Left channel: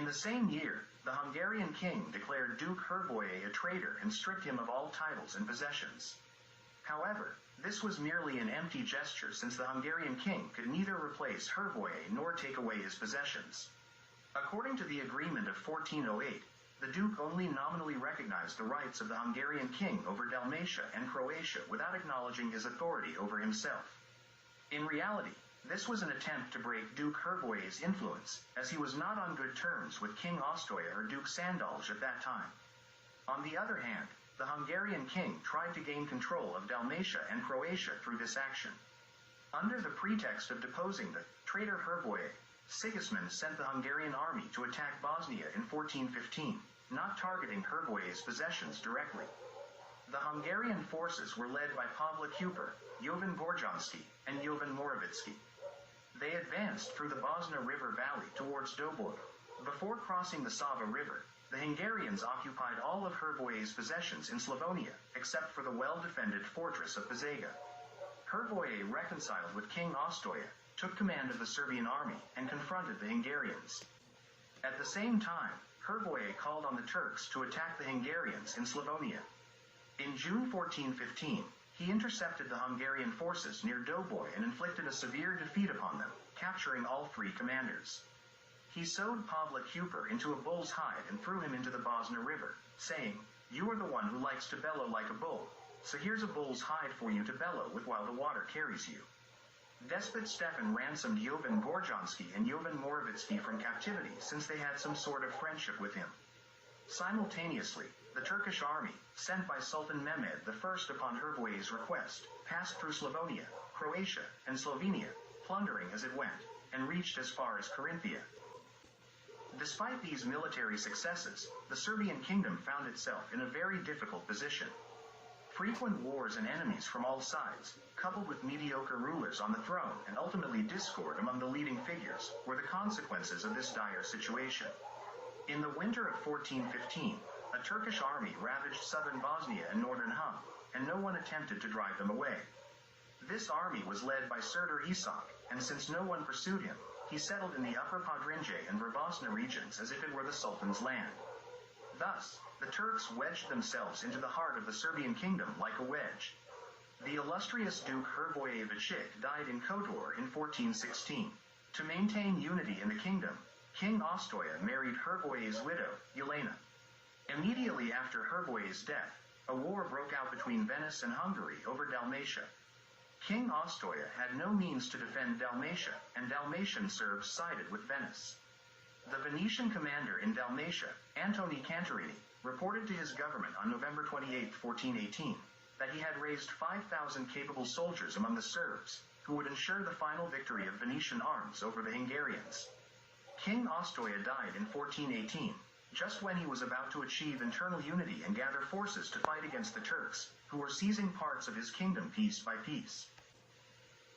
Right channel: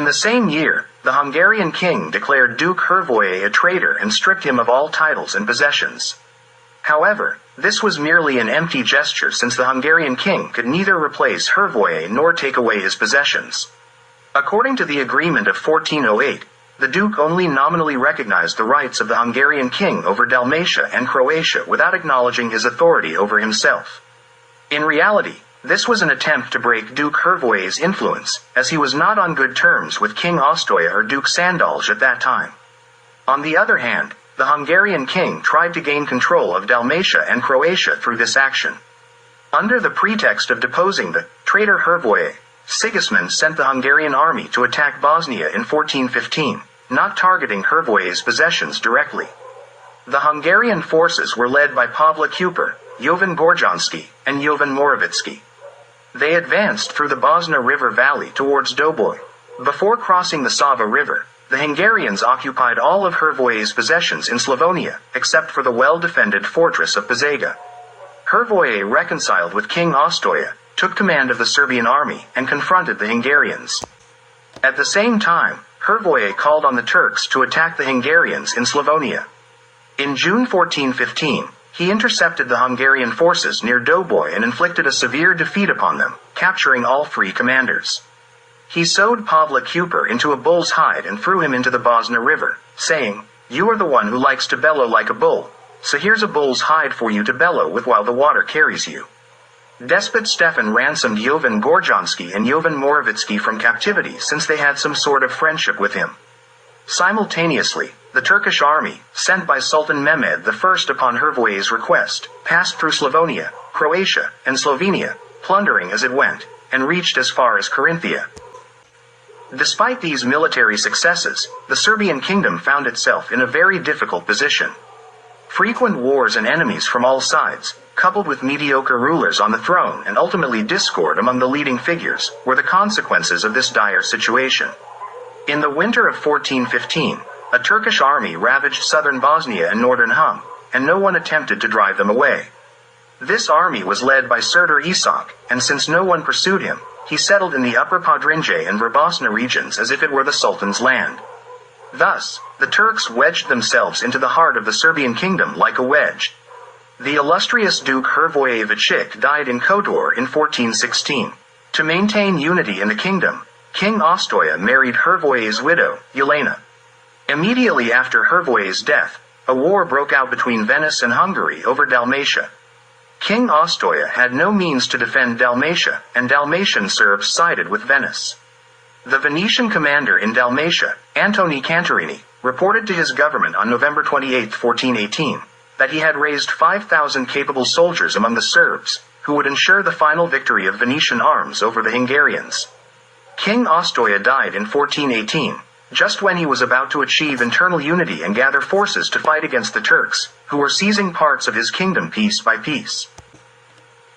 In the same year, the Hungarian king declared Duke Hrvoje a traitor and stripped him of all titles and possessions. However, this was merely an empty gesture since the Hungarian king could neither replace Hrvoje nor take away his possessions. According to the agreement of 1408, the Duke only nominally recognized the rights of the Hungarian king over Dalmatia and Croatia without acknowledging his authority over himself. In reality, this was an attempt to break Duke Hrvoje's influence, as he was not on good terms with King Ostoja or Duke Sandalj at that time. On the other hand, the Hungarian king tried to gain control of Dalmatia and Croatia through this action. Under the pretext of deposing the traitor Hrvoje, Sigismund sent the Hungarian army to attack Bosnia in 1415, not targeting Hrvoje's possessions directly. The Hungarian forces were led by Pavle Kuper, Jovan Gorjanski, and Jovan Moravitsky. They advanced through the Bosna River valley towards Doboj. Before crossing the Sava River, the Hungarians occupied all of Hrvoje's possessions in Slavonia, except for the well-defended fortress of Požega. Hrvoje reconciled with King Ostoja, took command of the Serbian army, and confronted the Hungarians. At the same time, Hrvoje called on the Turks to attack the Hungarians in Slavonia. In June 1415, he intercepted the Hungarian forces near Doboj and inflicted a severe defeat upon them, capturing all three commanders. He sewed Pavle Kuper into a bull's hide and threw him into the Bosna River, saying, "You are the one who likes to bellow like a bull, so here's a bull's hide for you to bellow with while the water carries you." Despot Stefan ransomed Jovan Gorjanski and Jovan Moravitsky from captivity since they had some sort of friendship with him. Simultaneously, the Turkish army, sent by Sultan Mehmed I upon Hrvoje's request, passed through Slavonia, Croatia, and Slovenia, plundering as it went, and reached as far as Carinthia. Despite these military successes, the Serbian kingdom found itself in a very difficult position. Frequent wars and enemies from all sides, coupled with mediocre rulers on the throne and ultimately discord among the leading figures, were the consequences of this dire situation. In the winter of 1415, a Turkish army ravaged southern Bosnia and northern Hum, and no one attempted to drive them away. This army was led by Serdar Isak, and since no one pursued him, he settled in the upper Podrinje and Verbosna regions as if it were the Sultan's land. Thus, the Turks wedged themselves into the heart of the Serbian kingdom like a wedge. The illustrious Duke Hrvoje Vachik died in Kotor in 1416. To maintain unity in the kingdom, King Ostoja married Hrvoje's widow, Jelena. Immediately after Hrvoje's death, a war broke out between Venice and Hungary over Dalmatia. King Ostoja had no means to defend Dalmatia, and Dalmatian Serbs sided with Venice. The Venetian commander in Dalmatia, Antoni Cantarini, reported to his government on November 28, 1418, that he had raised 5,000 capable soldiers among the Serbs, who would ensure the final victory of Venetian arms over the Hungarians. King Ostoja died in 1418, just when he was about to achieve internal unity and gather forces to fight against the Turks, who were seizing parts of his kingdom piece by piece.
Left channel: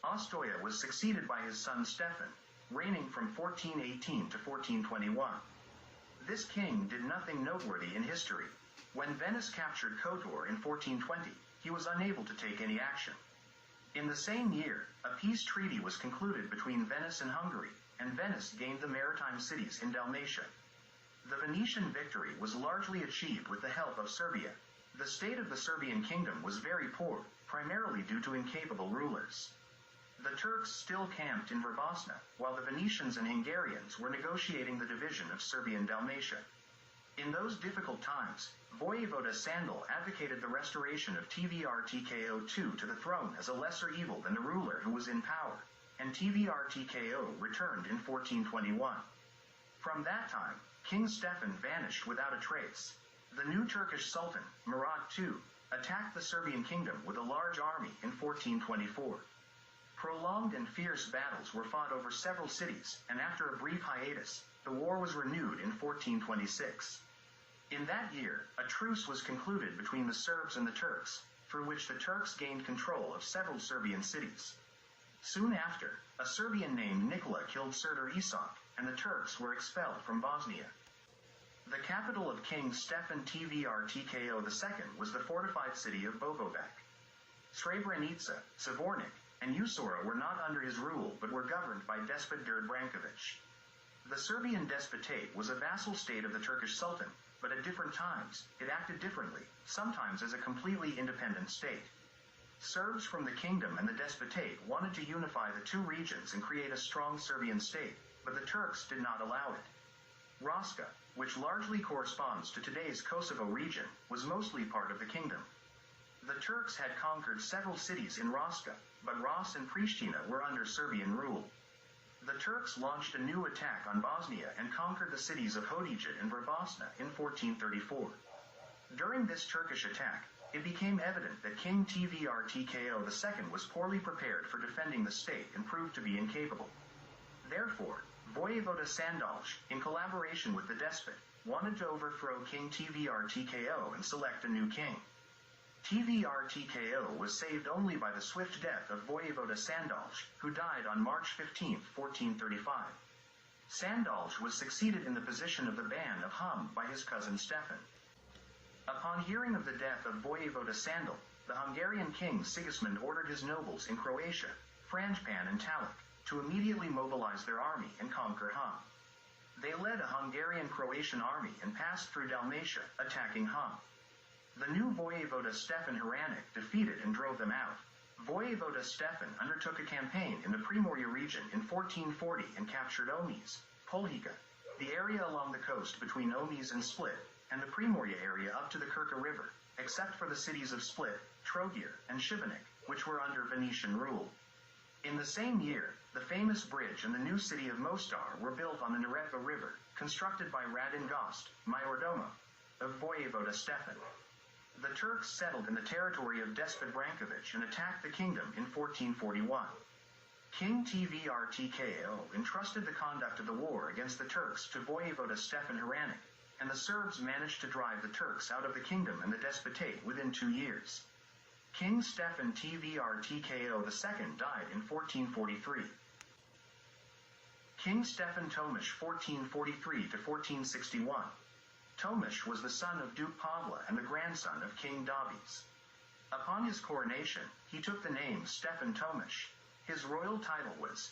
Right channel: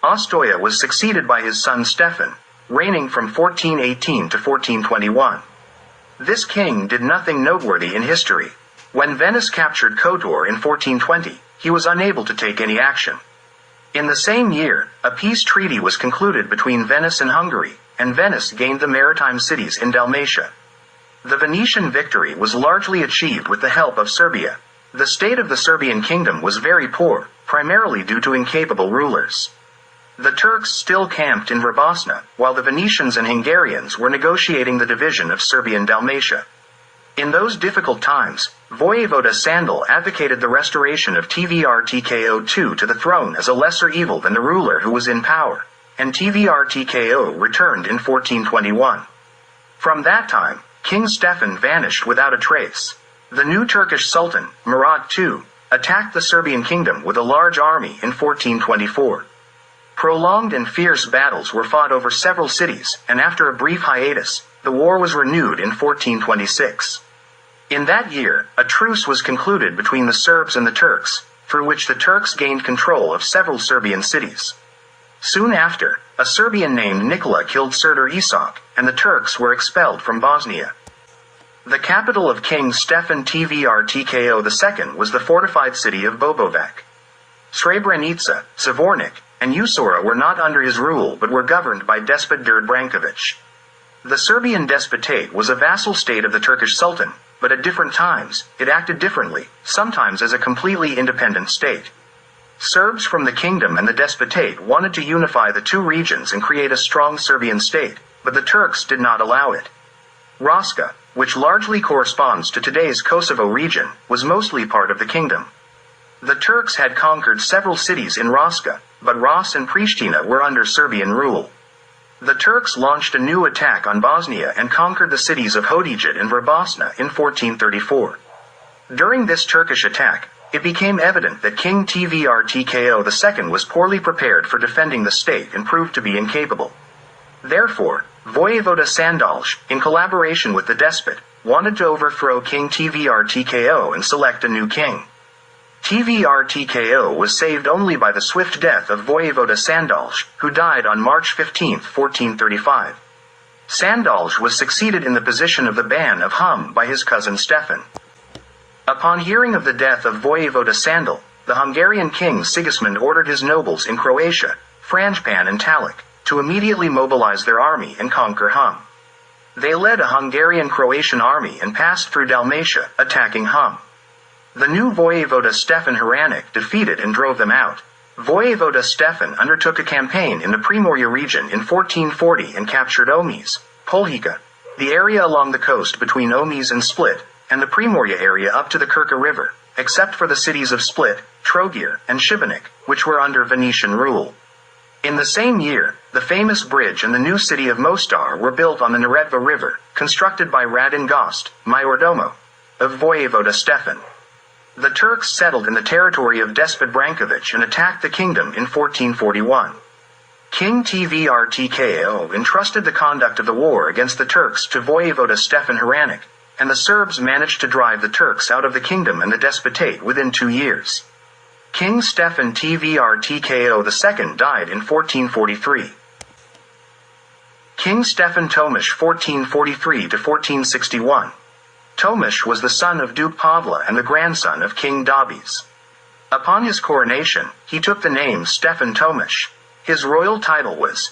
Ostoja was succeeded by his son Stefan, reigning from 1418 to 1421. This king did nothing noteworthy in history. When Venice captured Kotor in 1420, he was unable to take any action. In the same year, a peace treaty was concluded between Venice and Hungary, and Venice gained the maritime cities in Dalmatia. The Venetian victory was largely achieved with the help of Serbia. The state of the Serbian kingdom was very poor, primarily due to incapable rulers. The Turks still camped in Verbosna, while the Venetians and Hungarians were negotiating the division of Serbian Dalmatia. In those difficult times, Vojevoda Sandal advocated the restoration of Tvrtko to the throne as a lesser evil than the ruler who was in power, and Tvrtko returned in 1421. From that time, King Stefan vanished without a trace. The new Turkish Sultan, Murad II, attacked the Serbian kingdom with a large army in 1424. Prolonged and fierce battles were fought over several cities, and after a brief hiatus, the war was renewed in 1426. In that year, a truce was concluded between the Serbs and the Turks, through which the Turks gained control of several Serbian cities. Soon after, a Serbian named Nikola killed Serdar Isak, and the Turks were expelled from Bosnia. The capital of King Stefan Tvrtko II was the fortified city of Bobovac. Srebrenica, Zvornik, and Usora were not under his rule but were governed by Despot Đurđ Branković. The Serbian despotate was a vassal state of the Turkish Sultan, but at different times, it acted differently, sometimes as a completely independent state. Serbs from the kingdom and the despotate wanted to unify the two regions and create a strong Serbian state, but the Turks did not allow it. Raška, which largely corresponds to today's Kosovo region, was mostly part of the kingdom. The Turks had conquered several cities in Raška, but Ras and Pristina were under Serbian rule. The Turks launched a new attack on Bosnia and conquered the cities of Hodijat and Vrbasna in 1434. During this Turkish attack, it became evident that King Tvrtko II was poorly prepared for defending the state and proved to be incapable. Therefore, Vojevoda Sandalj, in collaboration with the despot, wanted to overthrow King Tvrtko and select a new king. Tvrtko was saved only by the swift death of Vojevoda Sandalj, who died on March 15, 1435. Sandalj was succeeded in the position of the Ban of Hum by his cousin Stefan. Upon hearing of the death of Vojevoda Sandal, the Hungarian king Sigismund ordered his nobles in Croatia, Frangipan and Taluk, to immediately mobilize their army and conquer Hum. They led a Hungarian-Croatian army and passed through Dalmatia, attacking Hum. The new vojevoda Stefan Hranic defeated and drove them out. Vojevoda Stefan undertook a campaign in the Primorje region in 1440 and captured Omiš, Poljica, the area along the coast between Omiš and Split, and the Primorje area up to the Krka River, except for the cities of Split, Trogir, and Šibenik, which were under Venetian rule. In the same year, the famous bridge and the new city of Mostar were built on the Neretva River, constructed by Radin Gost, Majordomo, of Vojevoda Stefan. The Turks settled in the territory of Despot Branković and attacked the kingdom in 1441. King Tvrtko entrusted the conduct of the war against the Turks to Vojevoda Stefan Hranic, and the Serbs managed to drive the Turks out of the kingdom and the despotate within 2 years. King Stefan Tvrtko II died in 1443. King Stefan Tomish 1443 to 1461. Tomish was the son of Duke Pavla and the grandson of King Dobis. Upon his coronation, he took the name Stefan Tomish. His royal title was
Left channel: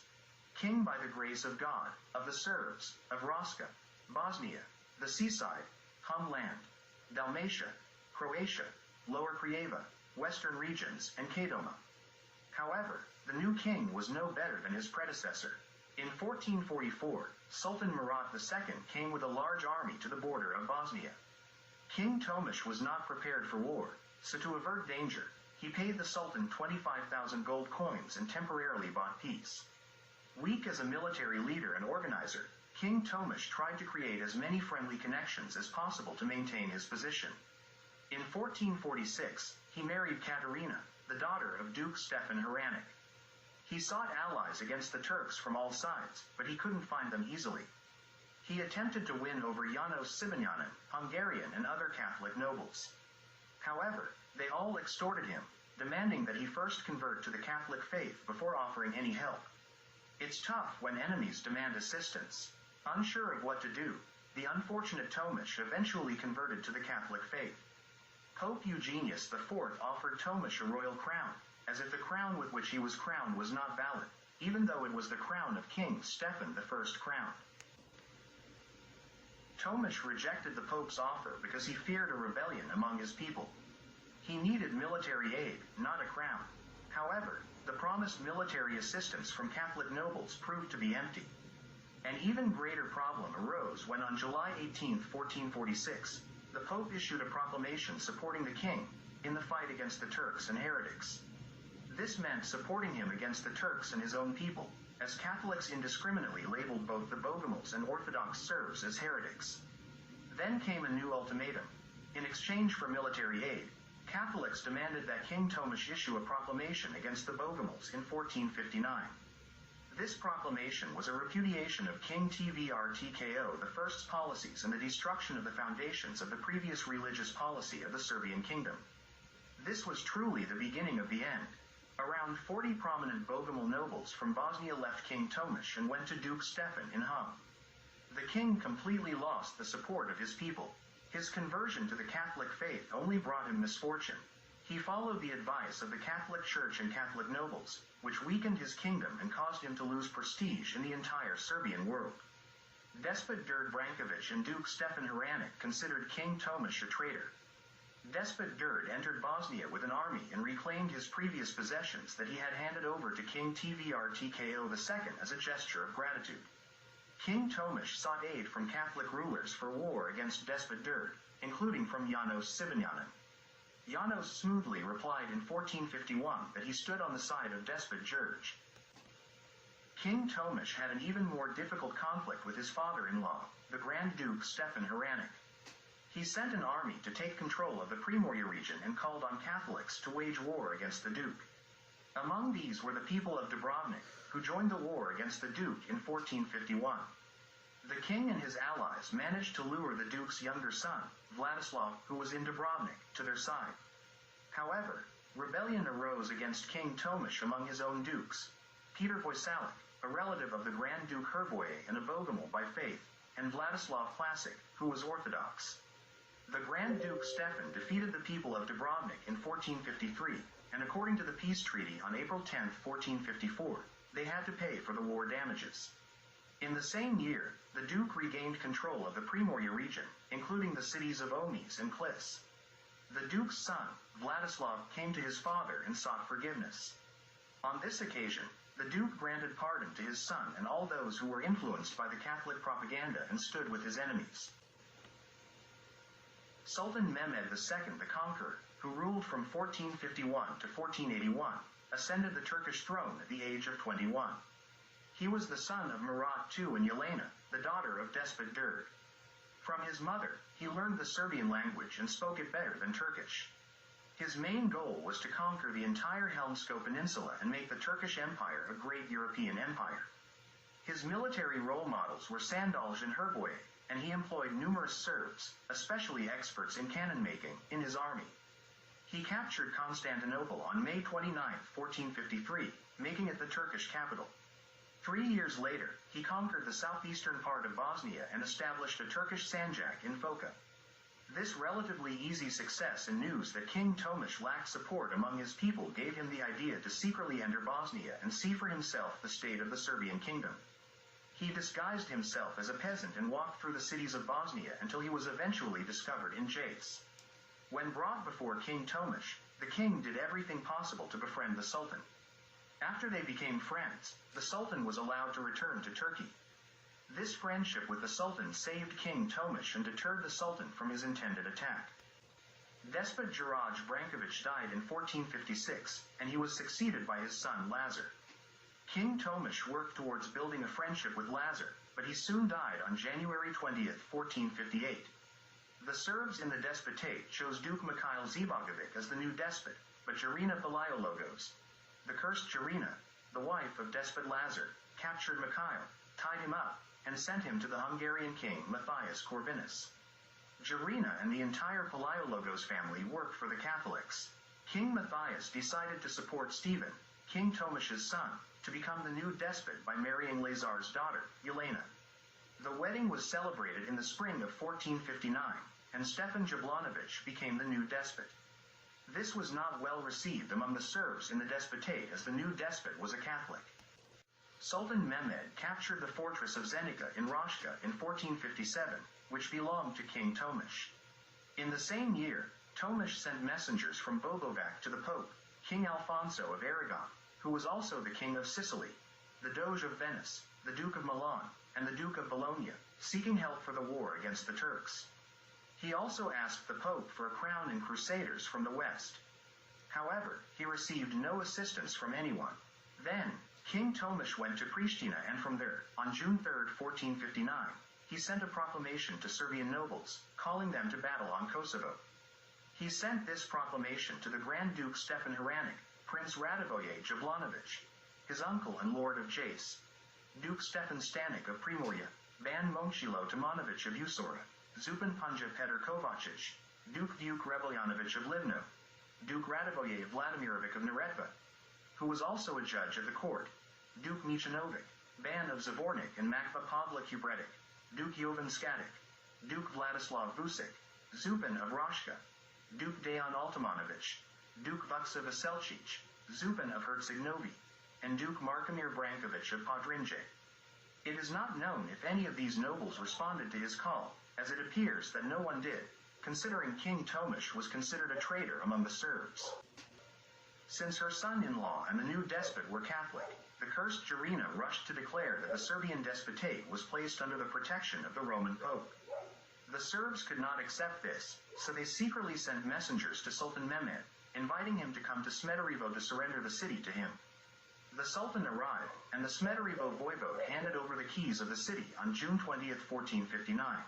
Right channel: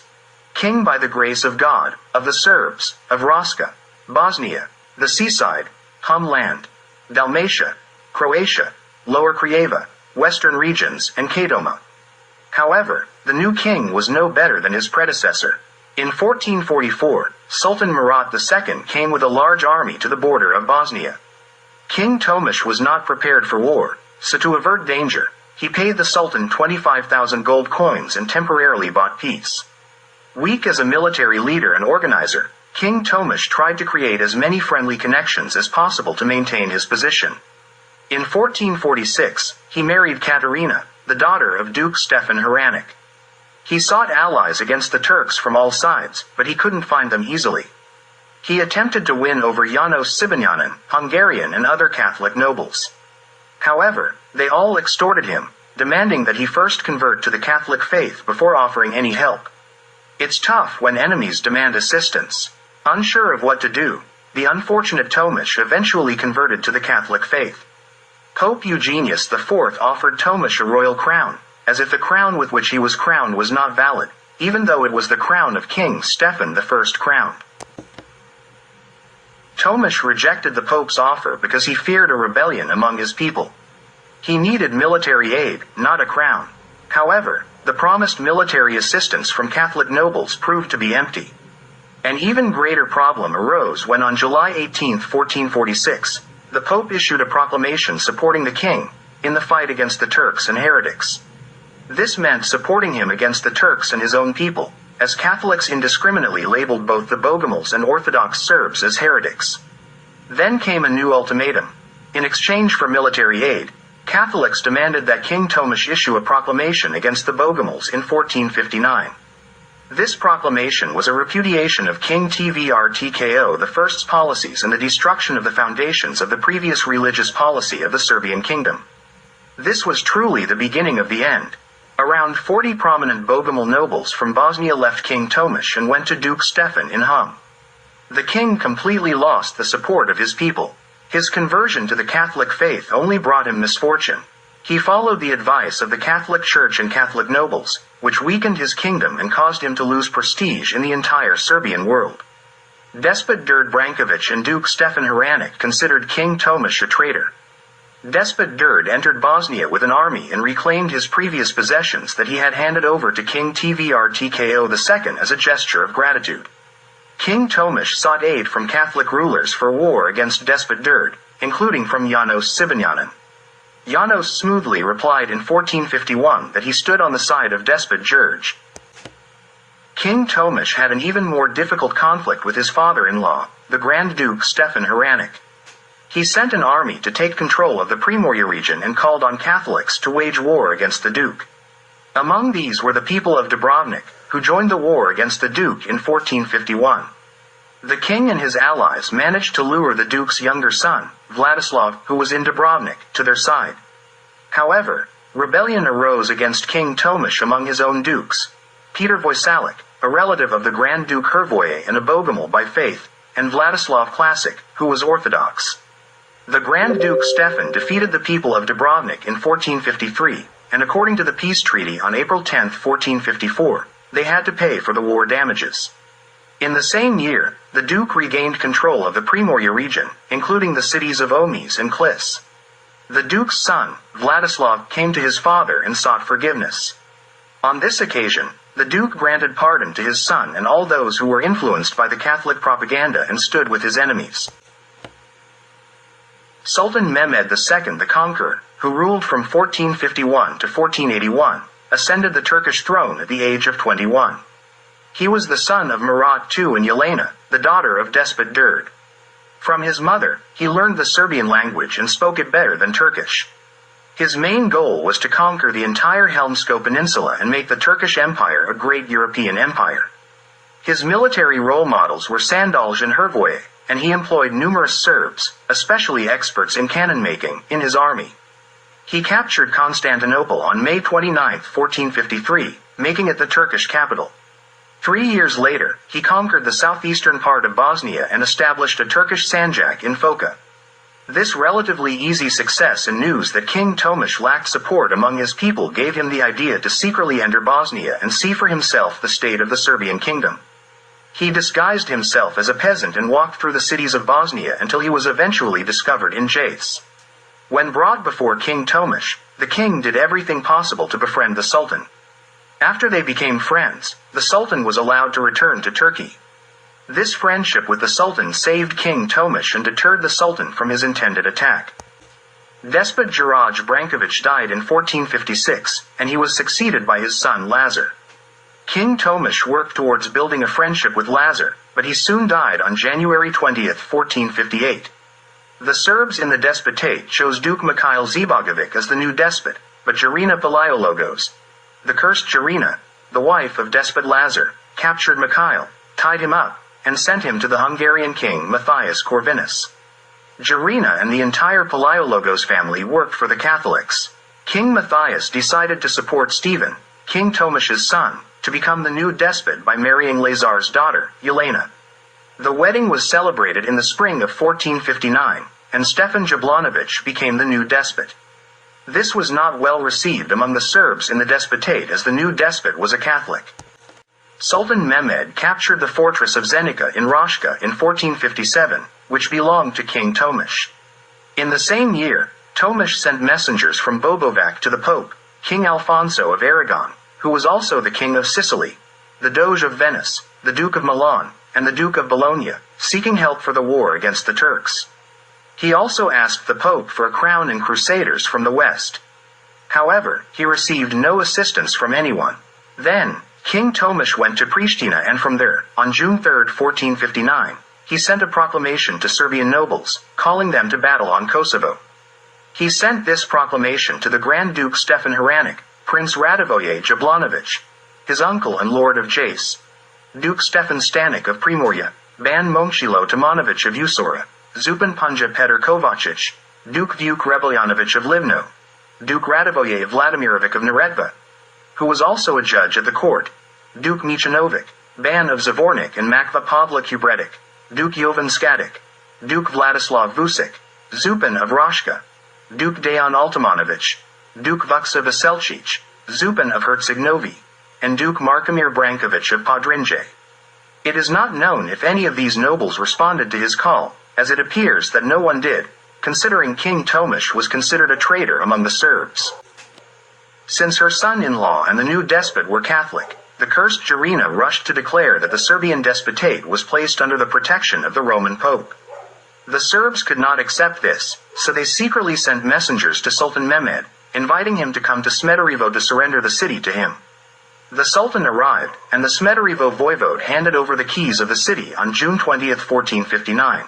King by the grace of God, of the Serbs, of Raška, Bosnia, the seaside, Hum land, Dalmatia, Croatia, Lower Craiova, Western regions, and Kadoma. However, the new king was no better than his predecessor. In 1444, Sultan Murat II came with a large army to the border of Bosnia. King Tomish was not prepared for war, so to avert danger, he paid the Sultan 25,000 gold coins and temporarily bought peace. Weak as a military leader and organizer, King Tomish tried to create as many friendly connections as possible to maintain his position. In 1446, he married Katerina, the daughter of Duke Stefan Hranic. He sought allies against the Turks from all sides, but he couldn't find them easily. He attempted to win over Janos Sibanyanin, Hungarian and other Catholic nobles. However, they all extorted him, demanding that he first convert to the Catholic faith before offering any help. It's tough when enemies demand assistance. Unsure of what to do, the unfortunate Tomish eventually converted to the Catholic faith. Pope Eugenius IV offered Tomish a royal crown, as if the crown with which he was crowned was not valid, even though it was the crown of King Stefan I crowned. Tomish rejected the Pope's offer because he feared a rebellion among his people. He needed military aid, not a crown. However, the promised military assistance from Catholic nobles proved to be empty. An even greater problem arose when on July 18, 1446, the Pope issued a proclamation supporting the king in the fight against the Turks and heretics. This meant supporting him against the Turks and his own people, as Catholics indiscriminately labeled both the Bogomils and Orthodox Serbs as heretics. Then came a new ultimatum. In exchange for military aid, Catholics demanded that King Tomish issue a proclamation against the Bogomils in 1459. This proclamation was a repudiation of King Tvrtko I's policies and the destruction of the foundations of the previous religious policy of the Serbian kingdom. This was truly the beginning of the end. Around 40 prominent Bogomil nobles from Bosnia left King Tomish and went to Duke Stefan in Hum. The king completely lost the support of his people. His conversion to the Catholic faith only brought him misfortune. He followed the advice of the Catholic Church and Catholic nobles, which weakened his kingdom and caused him to lose prestige in the entire Serbian world. Despot Đurđ Branković and Duke Stefan Hranić considered King Tomasz a traitor. Despot Đurđ entered Bosnia with an army and reclaimed his previous possessions that he had handed over to King Tvrtko II as a gesture of gratitude. King Tomasz sought aid from Catholic rulers for war against Despot Đurđ, including from Janos Sibanjanin. Janos smoothly replied in 1451 that he stood on the side of Despot Đurđ. King Tomasz had an even more difficult conflict with his father-in-law, the Grand Duke Stefan Hranić. He sent an army to take control of the Primorje region and called on Catholics to wage war against the Duke. Among these were the people of Dubrovnik, who joined the war against the Duke in 1451. The king and his allies managed to lure the Duke's younger son, Vladislav, who was in Dubrovnik, to their side. However, rebellion arose against King Tomasz among his own dukes. Peter Voisalic, a relative of the Grand Duke Hrvoje and a Bogomil by faith, and Vladislav Klasic, who was Orthodox. The Grand Duke Stefan defeated the people of Dubrovnik in 1453, and according to the peace treaty on April 10, 1454, they had to pay for the war damages. In the same year, the Duke regained control of the Primorje region, including the cities of Omiš and Klis. The Duke's son, Vladislav, came to his father and sought forgiveness. On this occasion, the Duke granted pardon to his son and all those who were influenced by the Catholic propaganda and stood with his enemies. Sultan Mehmed II the Conqueror, who ruled from 1451 to 1481, ascended the Turkish throne at the age of 21. He was the son of Murat II and Yelena, the daughter of Despot Đurđ. From his mother, he learned the Serbian language and spoke it better than Turkish. His main goal was to conquer the entire Helmsko Peninsula and make the Turkish Empire a great European empire. His military role models were Sandalj and Hrvoje, and he employed numerous Serbs, especially experts in cannon making, in his army. He captured Constantinople on May 29, 1453, making it the Turkish capital. 3 years later, he conquered the southeastern part of Bosnia and established a Turkish sanjak in Foča. This relatively easy success and news that King Tomasz lacked support among his people gave him the idea to secretly enter Bosnia and see for himself the state of the Serbian kingdom. He disguised himself as a peasant and walked through the cities of Bosnia until he was eventually discovered in Jace. When brought before King Tomasz, the king did everything possible to befriend the Sultan. After they became friends, the Sultan was allowed to return to Turkey. This friendship with the Sultan saved King Tomasz and deterred the Sultan from his intended attack. Despot Đurđ Branković died in 1456, and he was succeeded by his son Lazar. King Tomasz worked towards building a friendship with Lazar, but he soon died on January 20, 1458. The Serbs in the despotate chose Duke Mikhail Zebogović as the new despot, but Jarina Palaiologos, the cursed Jarina, the wife of despot Lazar, captured Mikhail, tied him up, and sent him to the Hungarian king Matthias Corvinus. Jarina and the entire Palaiologos family worked for the Catholics. King Matthias decided to support Stephen, King Tomasz's son, to become the new despot by marrying Lazar's daughter, Yelena. The wedding was celebrated in the spring of 1459, and Stefan Jablanović became the new despot. This was not well received among the Serbs in the despotate as the new despot was a Catholic. Sultan Mehmed captured the fortress of Zenica in Raška in 1457, which belonged to King Tomasz. In the same year, Tomasz sent messengers from Bobovac to the Pope, King Alfonso of Aragon, who was also the King of Sicily, the Doge of Venice, the Duke of Milan, and the Duke of Bologna, seeking help for the war against the Turks. He also asked the Pope for a crown and crusaders from the west. However, he received no assistance from anyone. Then, King Tomasz went to Pristina and from there, on June 3, 1459, he sent a proclamation to Serbian nobles, calling them to battle on Kosovo. He sent this proclamation to the Grand Duke Stefan Hranić, Prince Radivoje Jablanović, his uncle and Lord of Jace, Duke Stefan Stanic of Primorje, Ban Momčilo Tomanovich of Usora, Zupan Punja Petr Kovačić, Duke Vuk Rebeljanovich of Livno, Duke Radivoje Vladimirovic of Neretva, who was also a judge at the court, Duke Michanovic, Ban of Zvornik and Makva Pavla Kubretic, Duke Jovan Skatic, Duke Vladislav Vucic, Zupan of Raška, Duke Dejan Altimanović, Duke Vuksa Veselčić, Zupan of Herceg Novi, and Duke Markomir Branković of Podrinje. It is not known if any of these nobles responded to his call, as it appears that no one did, considering King Tomasz was considered a traitor among the Serbs. Since her son-in-law and the new despot were Catholic, the cursed Jarina rushed to declare that the Serbian despotate was placed under the protection of the Roman Pope. The Serbs could not accept this, so they secretly sent messengers to Sultan Mehmed, inviting him to come to Smederevo to surrender the city to him. The Sultan arrived, and the Smederevo voivode handed over the keys of the city on June 20, 1459.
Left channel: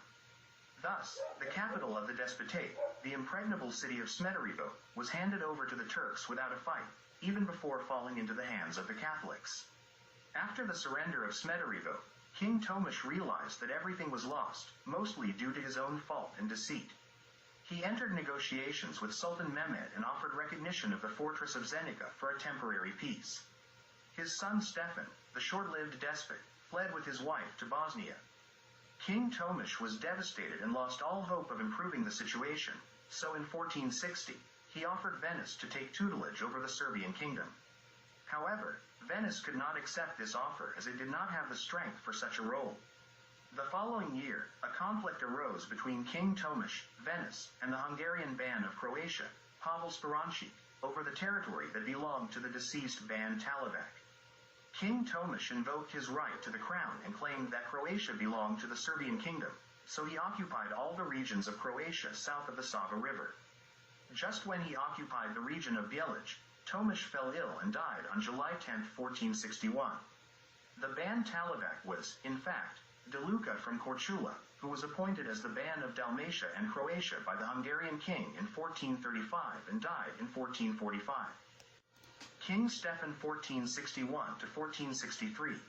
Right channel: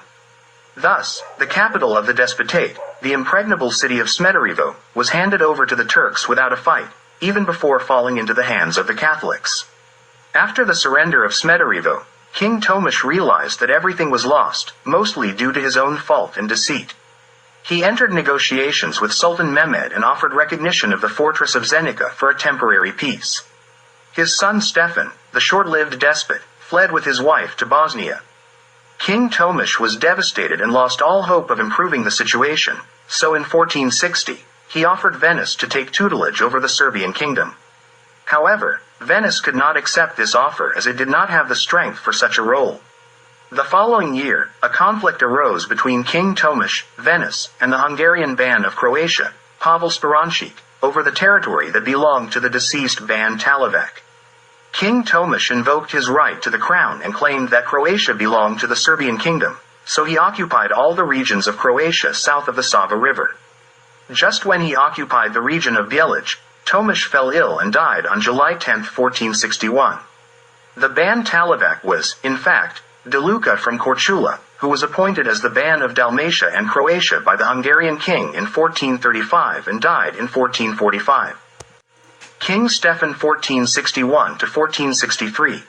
Thus, the capital of the despotate, the impregnable city of Smederevo, was handed over to the Turks without a fight, even before falling into the hands of the Catholics. After the surrender of Smederevo, King Tomasz realized that everything was lost, mostly due to his own fault and deceit. He entered negotiations with Sultan Mehmed and offered recognition of the fortress of Zenica for a temporary peace. His son Stefan, the short-lived despot, fled with his wife to Bosnia. King Tomasz was devastated and lost all hope of improving the situation, so in 1460, he offered Venice to take tutelage over the Serbian kingdom. However, Venice could not accept this offer as it did not have the strength for such a role. The following year, a conflict arose between King Tomasz, Venice, and the Hungarian Ban of Croatia, Pavel Spirancic, over the territory that belonged to the deceased Ban Talovac. King Tomasz invoked his right to the crown and claimed that Croatia belonged to the Serbian kingdom, so he occupied all the regions of Croatia south of the Sava River. Just when he occupied the region of Bjelic, Tomasz fell ill and died on July 10, 1461. The Ban Talovac was, in fact, Deluca from Korčula, who was appointed as the Ban of Dalmatia and Croatia by the Hungarian king in 1435 and died in 1445. King Stefan 1461–1463.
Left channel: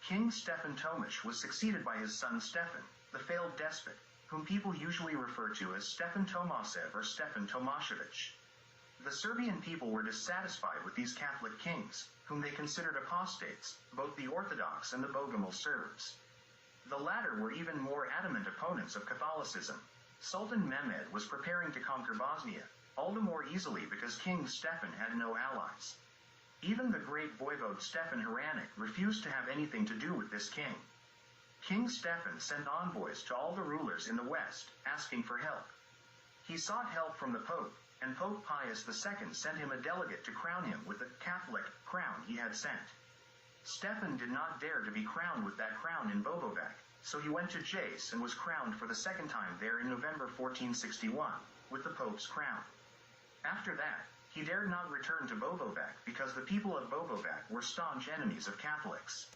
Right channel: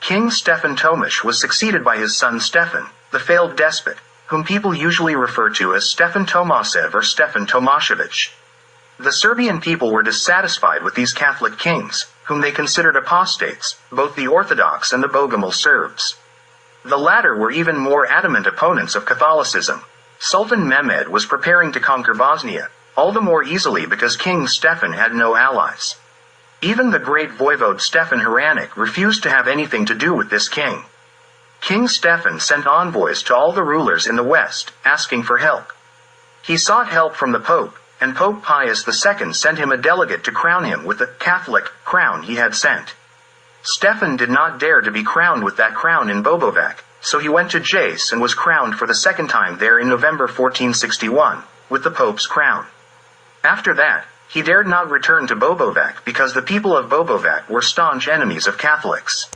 King Stefan Tomasz was succeeded by his son Stefan, the failed despot, whom people usually refer to as Stefan Tomasev or Stefan Tomašević. The Serbian people were dissatisfied with these Catholic kings, whom they considered apostates, both the Orthodox and the Bogomil Serbs. The latter were even more adamant opponents of Catholicism. Sultan Mehmed was preparing to conquer Bosnia, all the more easily because King Stefan had no allies. Even the great voivode Stefan Hranic refused to have anything to do with this king. King Stefan sent envoys to all the rulers in the west, asking for help. He sought help from the Pope, and Pope Pius II sent him a delegate to crown him with the Catholic crown he had sent. Stefan did not dare to be crowned with that crown in Bobovac, so he went to Jace and was crowned for the second time there in November 1461, with the Pope's crown. After that, he dared not return to Bobovac because the people of Bobovac were staunch enemies of Catholics.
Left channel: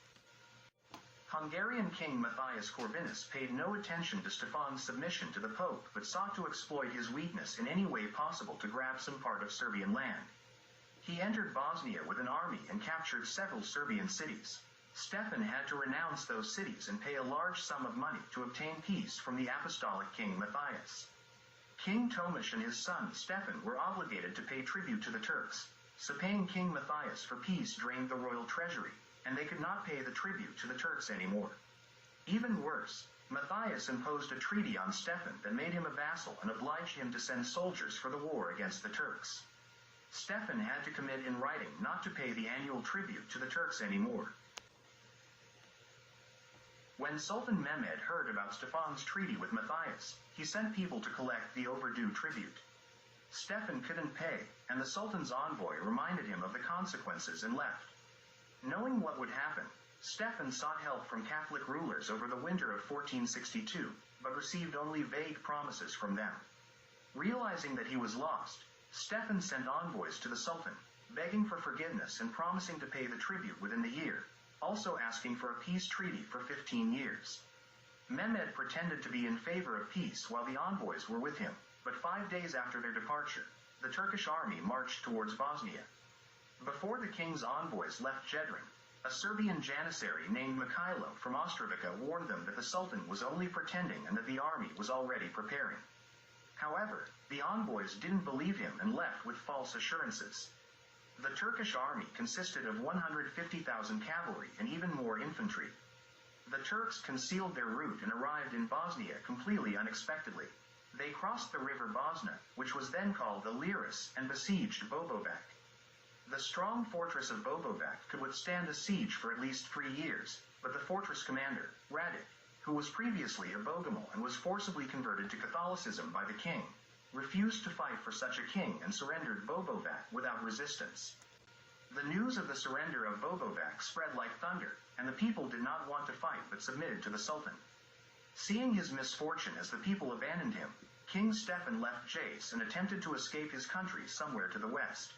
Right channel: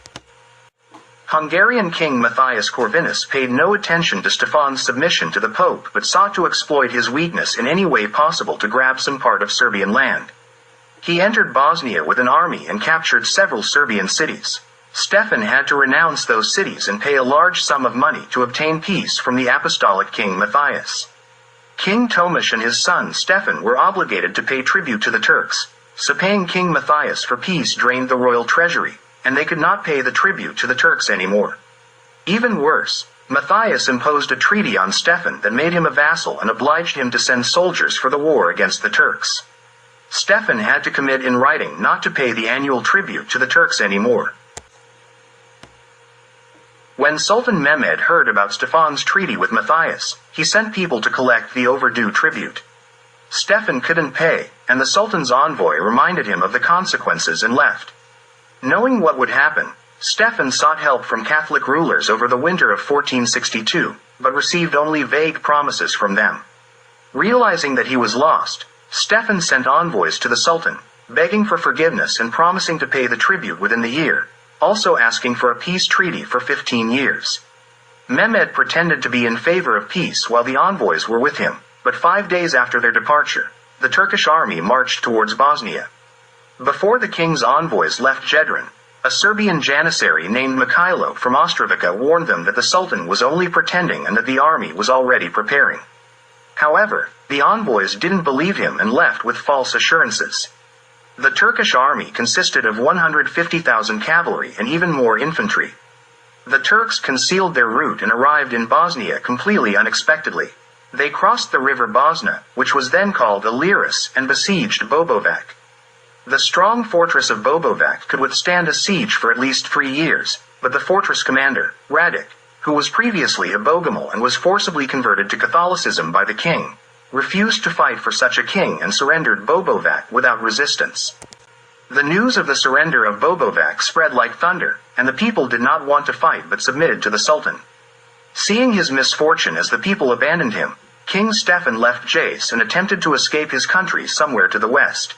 Hungarian King Matthias Corvinus paid no attention to Stefan's submission to the Pope but sought to exploit his weakness in any way possible to grab some part of Serbian land. He entered Bosnia with an army and captured several Serbian cities. Stefan had to renounce those cities and pay a large sum of money to obtain peace from the apostolic King Matthias. King Tomasz and his son Stefan were obligated to pay tribute to the Turks, so paying King Matthias for peace drained the royal treasury, and they could not pay the tribute to the Turks anymore. Even worse, Matthias imposed a treaty on Stefan that made him a vassal and obliged him to send soldiers for the war against the Turks. Stefan had to commit in writing not to pay the annual tribute to the Turks anymore. When Sultan Mehmed heard about Stefan's treaty with Matthias, he sent people to collect the overdue tribute. Stefan couldn't pay, and the Sultan's envoy reminded him of the consequences and left. Knowing what would happen, Stefan sought help from Catholic rulers over the winter of 1462, but received only vague promises from them. Realizing that he was lost, Stefan sent envoys to the Sultan, begging for forgiveness and promising to pay the tribute within the year, also asking for a peace treaty for 15 years. Mehmed pretended to be in favor of peace while the envoys were with him, but 5 days after their departure, the Turkish army marched towards Bosnia. Before the king's envoys left Jedran, a Serbian janissary named Mikhailo from Ostrovica warned them that the Sultan was only pretending and that the army was already preparing. However, the envoys didn't believe him and left with false assurances. The Turkish army consisted of 150,000 cavalry and even more infantry. The Turks concealed their route and arrived in Bosnia completely unexpectedly. They crossed the river Bosna, which was then called Iliris, and besieged Bobovac. The strong fortress of Bobovac could withstand a siege for at least 3 years, but the fortress commander, Radic, who was previously a Bogomil and was forcibly converted to Catholicism by the king, refused to fight for such a king and surrendered Bobovac without resistance. The news of the surrender of Bobovac spread like thunder, and the people did not want to fight but submitted to the Sultan. Seeing his misfortune as the people abandoned him, King Stefan left Jace and attempted to escape his country somewhere to the west.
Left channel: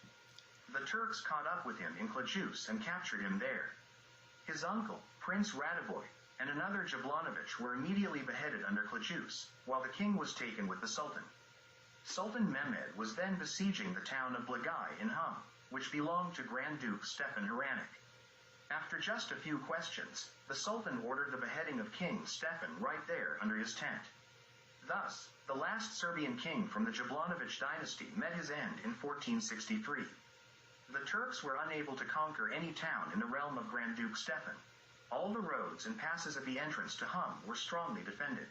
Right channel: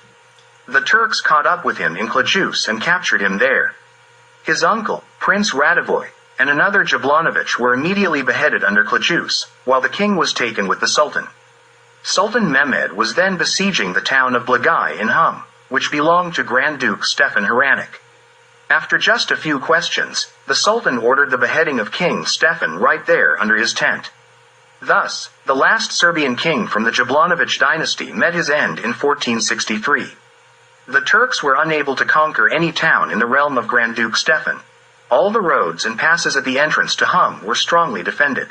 The Turks caught up with him in Cluj and captured him there. His uncle, Prince Radovoy, and another Jablanović were immediately beheaded under Cluj, while the king was taken with the Sultan. Sultan Mehmed was then besieging the town of Blagai in Hum, which belonged to Grand Duke Stefan Hranic. After just a few questions, the Sultan ordered the beheading of King Stefan right there under his tent. Thus, the last Serbian king from the Jablanović dynasty met his end in 1463. The Turks were unable to conquer any town in the realm of Grand Duke Stefan. All the roads and passes at the entrance to Hum were strongly defended.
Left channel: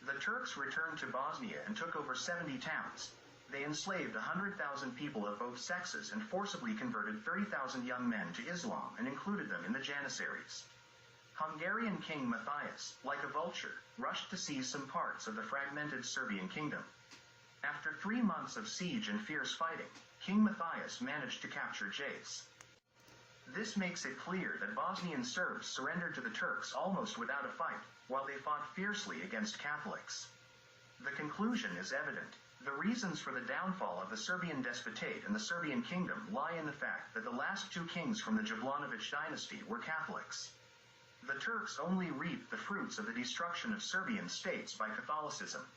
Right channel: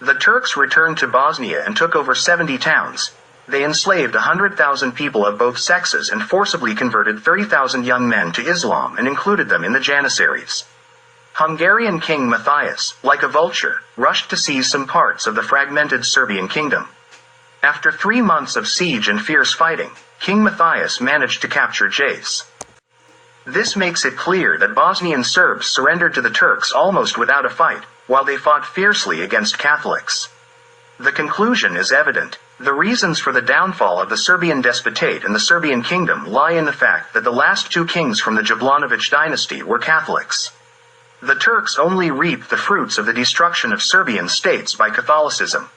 The Turks returned to Bosnia and took over 70 towns. They enslaved 100,000 people of both sexes and forcibly converted 30,000 young men to Islam and included them in the Janissaries. Hungarian King Matthias, like a vulture, rushed to seize some parts of the fragmented Serbian kingdom. After 3 months of siege and fierce fighting, King Matthias managed to capture Jace. This makes it clear that Bosnian Serbs surrendered to the Turks almost without a fight, while they fought fiercely against Catholics. The conclusion is evident. The reasons for the downfall of the Serbian despotate and the Serbian kingdom lie in the fact that the last 2 kings from the Jablanović dynasty were Catholics. The Turks only reaped the fruits of the destruction of Serbian states by Catholicism.